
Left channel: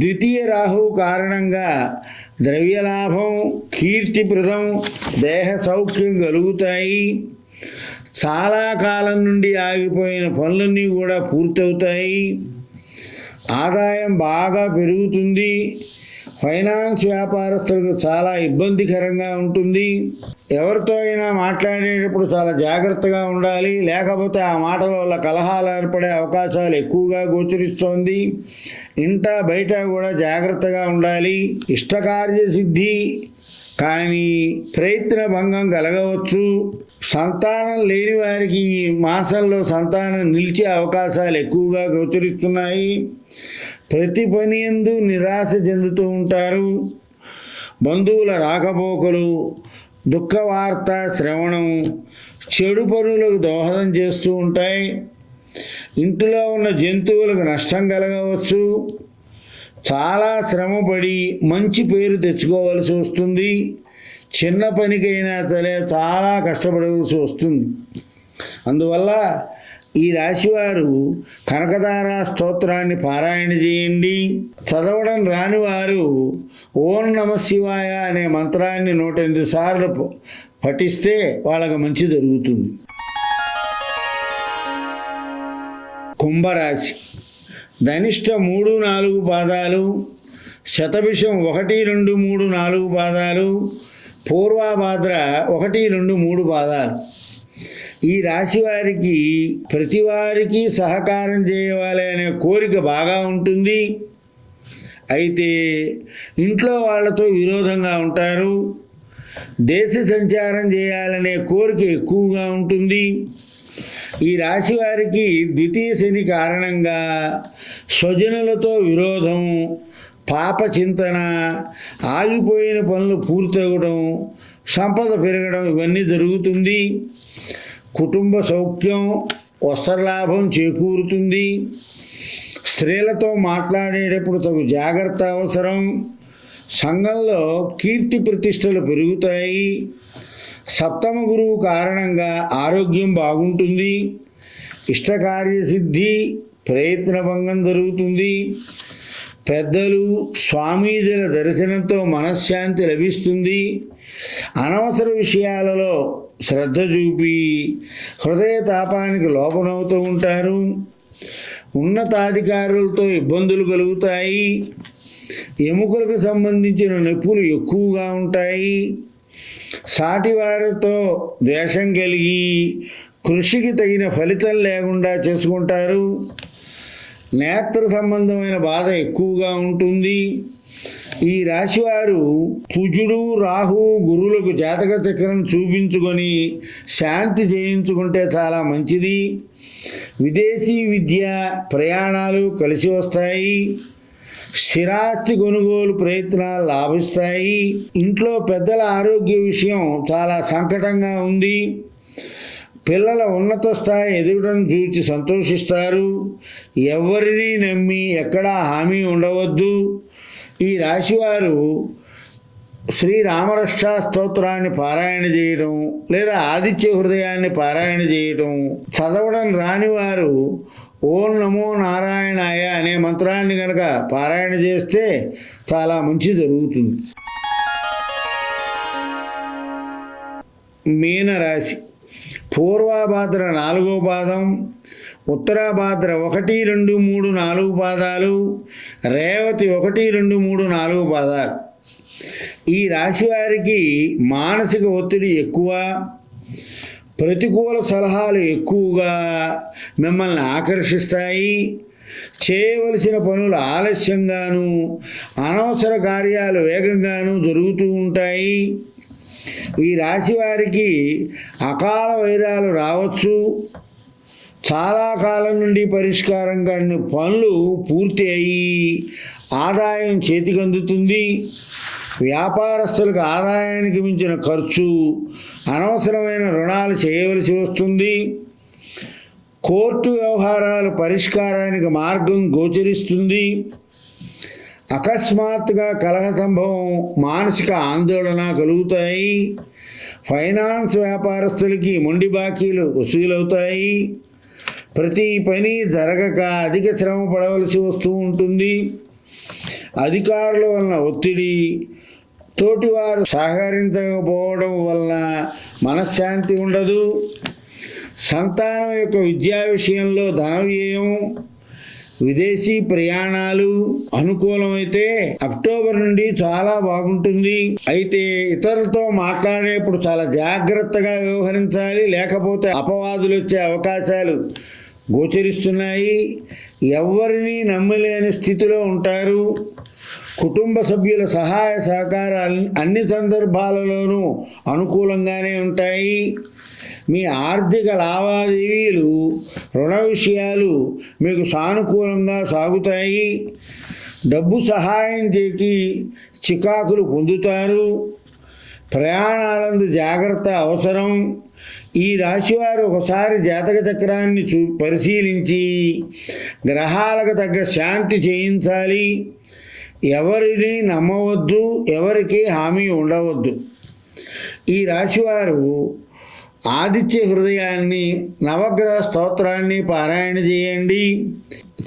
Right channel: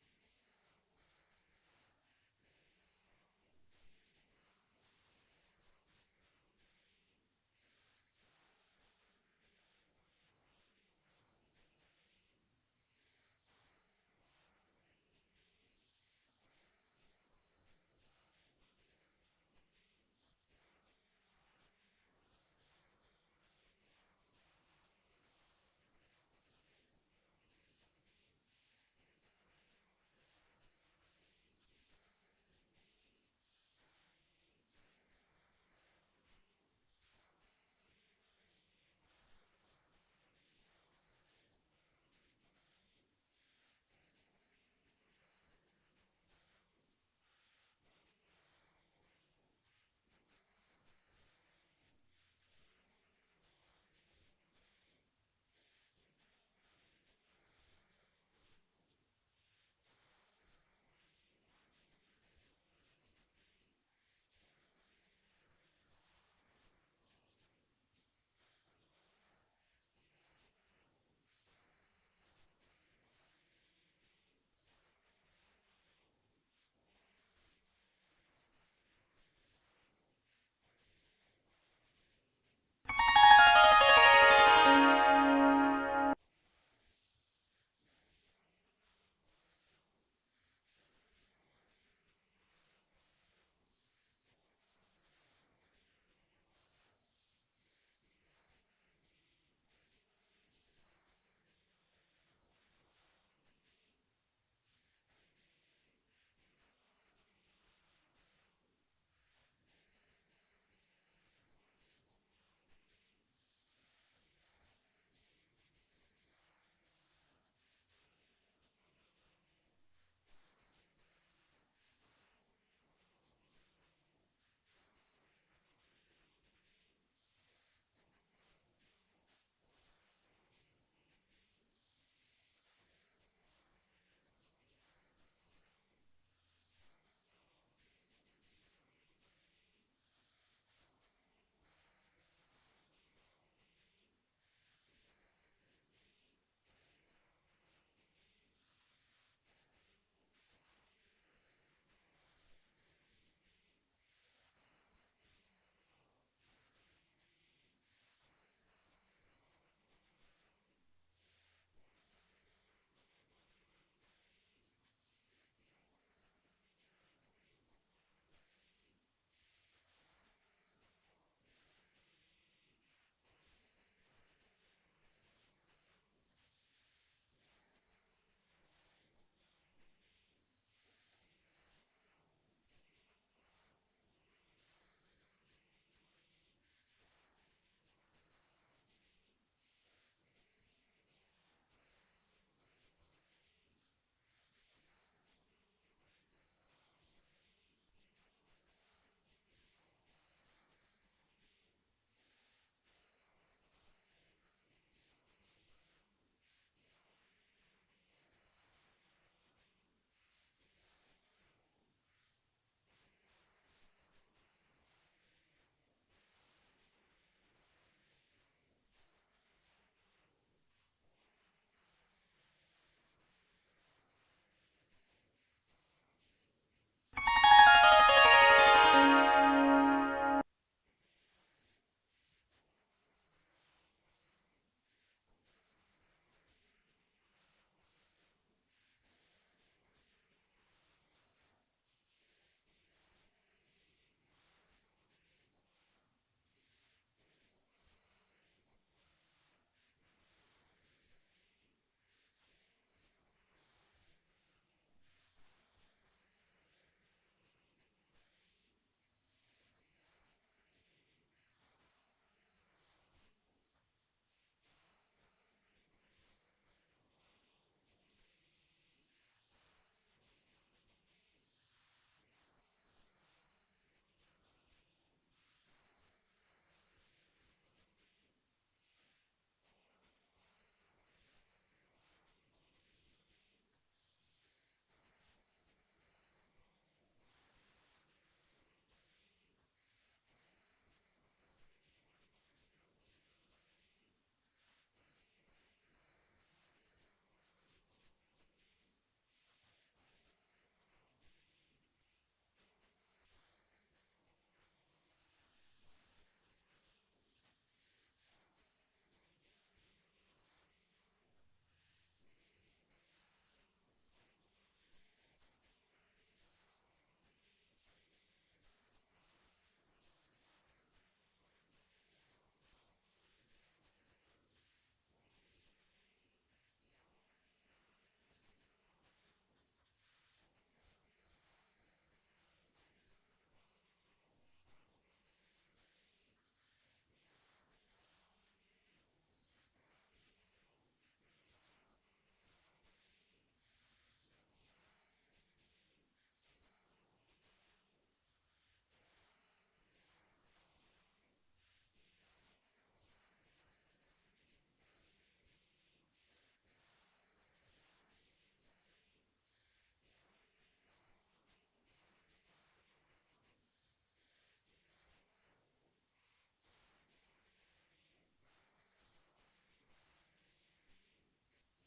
ద్వితీయ రాహువు కారణంగా ద్రవ్యలాభం, కీర్తిప్రదం, దేహ సౌఖ్యం కలుగుతాయి. చాలా కాలం నుండి ఆగిపోయిన పనులన్నీ కూడా పూర్తవుతాయి. ఆదాయం బాగా పెరుగుతుంది. ఫైనాన్స్ వ్యాపారస్తులకు చాలా ఇబ్బందికరంగా ఉంటుంది. ఎవరితో అయినా మాట్లాడేటప్పుడు చాలా జాగ్రత్తగా ఉండాలి, లేకపోతే ఆ మాటల వల్ల కలహాలు ఏర్పడే అవకాశాలు ఎక్కువగా గోచరిస్తోంది. ఇంట బయట కూడా జాగ్రత్తగా ఉండాలి. ఇష్టకార్య సిద్ధి కానీ ప్రయత్న భంగం కలగవచ్చు. సంతానం లేని వారికి ఈ మాసంలో సంతానం నిలిచే అవకాశాలు ఎక్కువగా గోచరిస్తున్నాయి. ప్రతి పని యందు నిరాశ చెందుతూ ఉంటారు. బంధువుల రాకపోకలు, దుఃఖవార్త శ్రవణం చెడు పనులకు దోహదం చేస్తూ ఉంటాయి. ఇంటిలో ఉన్న జంతువులకు నష్టం కలగవచ్చు. చాలా శ్రమపడి మంచి పేరు తెచ్చుకోవాల్సి వస్తుంది. చిన్న పనికైనా సరే చాలా కష్టపడవలసి వస్తుంది. అందువల్ల ఈ రాశివారు కనకదార స్తోత్రాన్ని పారాయణ చేయండి. చదవడం రాని వారు ఓం నమ శివాయ అనే మంత్రాన్ని 108 సార్లు పఠిస్తే వాళ్ళకి మంచి జరుగుతుంది. కుంభరాశి. ధనిష్ట 3, 4 పాదాలు, శతభిషం 1, 2, 3, 4 పాదాలు, పూర్వభాద్ర 1, 2, 3 పాదాలు. ఈ రాశి వారికి ప్రతి వారికి సహకారం చేయవాలి అనే కోరిక బాగా ఉంటుంది. అయితే ఇంట్లో వాళ్ళతో విరోధంగా ఉంటారు. దేశ సంచారం చేయాలనే కోరిక ఎక్కువగా ఉంటుంది. ఈ రాశి వారికి ద్వితీయ శని కారణంగా స్వజనులతో విరోధం, పాప చింతన, ఆగిపోయిన పనులు పూర్తవడం, సంపద పెరగడం ఇవన్నీ జరుగుతుంది. కుటుంబ సౌఖ్యం, వస్త్రలాభం చేకూరుతుంది. స్త్రీలతో మాట్లాడేటప్పుడు తగు జాగ్రత్త అవసరం. సంఘంలో కీర్తి ప్రతిష్టలు పెరుగుతాయి. సప్తమ గురువు కారణంగా ఆరోగ్యం బాగుంటుంది. ఇష్టకార్యసిద్ధి, ప్రయత్న భంగం జరుగుతుంది. పెద్దలు, స్వామీజీల దర్శనంతో మనశ్శాంతి లభిస్తుంది. అనవసర విషయాలలో శ్రద్ధ చూపి హృదయ తాపానికి లోపనవుతూ ఉంటారు. ఉన్నతాధికారులతో ఇబ్బందులు కలుగుతాయి. ఎముకలకు సంబంధించిన నొప్పులు ఎక్కువగా ఉంటాయి. సాటివారితో ద్వేషం కలిగి కృషికి తగిన ఫలితం లేకుండా చేసుకుంటారు. నేత్ర సంబంధమైన బాధ ఎక్కువగా ఉంటుంది. ఈ రాశివారు కుజుడు, రాహు, గురువులకు జాతక చక్రం చూపించుకొని శాంతి చేయించుకుంటే చాలా మంచిది. విదేశీ విద్య, ప్రయాణాలు కలిసి వస్తాయి. స్థిరాస్తి కొనుగోలు ప్రయత్నాలు లాభిస్తాయి. ఇంట్లో పెద్దల ఆరోగ్య విషయం చాలా సంకటంగా ఉంది. పిల్లల ఉన్నత స్థాయి ఎదగడం చూచి సంతోషిస్తారు. ఎవరిని నమ్మి ఎక్కడా హామీ ఉండవద్దు. ఈ రాశివారు శ్రీరామరక్ష స్తోత్రాన్ని పారాయణ చేయడం లేదా ఆదిత్య హృదయాన్ని పారాయణ చేయడం, చదవడం రాని వారు ఓం నమో నారాయణాయ అనే మంత్రాన్ని కనుక పారాయణ చేస్తే చాలా మంచి జరుగుతుంది. మీనరాశి. పూర్వాభాద్ర 4వ పాదం, ఉత్తరాభాద్ర 1, 2, 3, 4 పాదాలు, రేవతి 1, 2, 3, 4 పాదాలు. ఈ రాశి వారికి మానసిక ఒత్తిడి ఎక్కువ, ప్రతికూల సలహాలు ఎక్కువగా మిమ్మల్ని ఆకర్షిస్తాయి. చేయవలసిన పనులు ఆలస్యంగాను, అనవసర కార్యాలు వేగంగాను జరుగుతూ ఉంటాయి. ఈ రాశి వారికి అకాల వైరాలు రావచ్చు. చాలా కాలం నుండి పరిష్కారం కాని పనులు పూర్తి అయ్యి ఆదాయం చేతికి అందుతుంది. వ్యాపారస్తులకు ఆదాయానికి మించిన ఖర్చు, అనవసరమైన రుణాలు చేయవలసి వస్తుంది. కోర్టు వ్యవహారాలు పరిష్కారానికి మార్గం గోచరిస్తుంది. అకస్మాత్తుగా కలహ సంభవం, మానసిక ఆందోళన కలుగుతాయి. ఫైనాన్స్ వ్యాపారస్తులకి మొండి బాకీలు వసూలవుతాయి. ప్రతి పని జరగక అధిక శ్రమ పడవలసి వస్తూ ఉంటుంది. అధికారుల వలన ఒత్తిడి, తోటివారు సహకరించకపోవడం వలన మనశ్శాంతి ఉండదు. సంతానం యొక్క విద్యా విషయంలో ధన వ్యయం, విదేశీ ప్రయాణాలు అనుకూలమైతే అక్టోబర్ నుండి చాలా బాగుంటుంది. అయితే ఇతరులతో మాట్లాడేప్పుడు చాలా జాగ్రత్తగా వ్యవహరించాలి, లేకపోతే అపవాదులు వచ్చే అవకాశాలు గోచరిస్తున్నాయి. ఎవరిని నమ్మలేని స్థితిలో ఉంటారు. కుటుంబ సభ్యుల సహాయ సహకారాలు అన్ని సందర్భాలలోనూ అనుకూలంగానే ఉంటాయి. మీ ఆర్థిక లావాదేవీలు, రుణ విషయాలు మీకు సానుకూలంగా సాగుతాయి. డబ్బు సహాయం చేసి చికాకులు పొందుతారు. ప్రయాణాలందు జాగ్రత్త అవసరం. ఈ రాశివారు ఒకసారి జాతక చక్రాన్ని పరిశీలించి గ్రహాలకు తగ్గ శాంతి చేయించాలి. ఎవరిని నమ్మవద్దు, ఎవరికి హామీ ఉండవద్దు. ఈ రాశివారు ఆదిత్య హృదయాన్ని, నవగ్రహ స్తోత్రాన్ని పారాయణ చేయండి.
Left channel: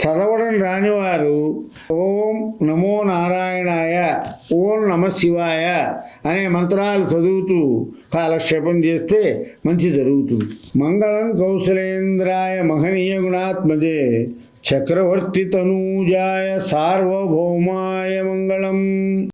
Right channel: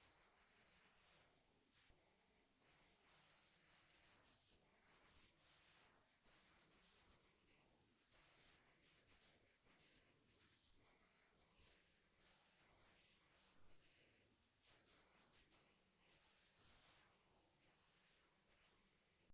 చదవడం రానివారు ఓం నమో నారాయణాయ, ఓం నమ శివాయ అనే మంత్రాలు చదువుతూ కాలక్షేపం చేస్తే మంచి జరుగుతుంది. మంగళం కౌశలేంద్రాయ మహనీయ గుణాత్మజే చక్రవర్తి తనూజాయ సార్వభౌమాయ మంగళం.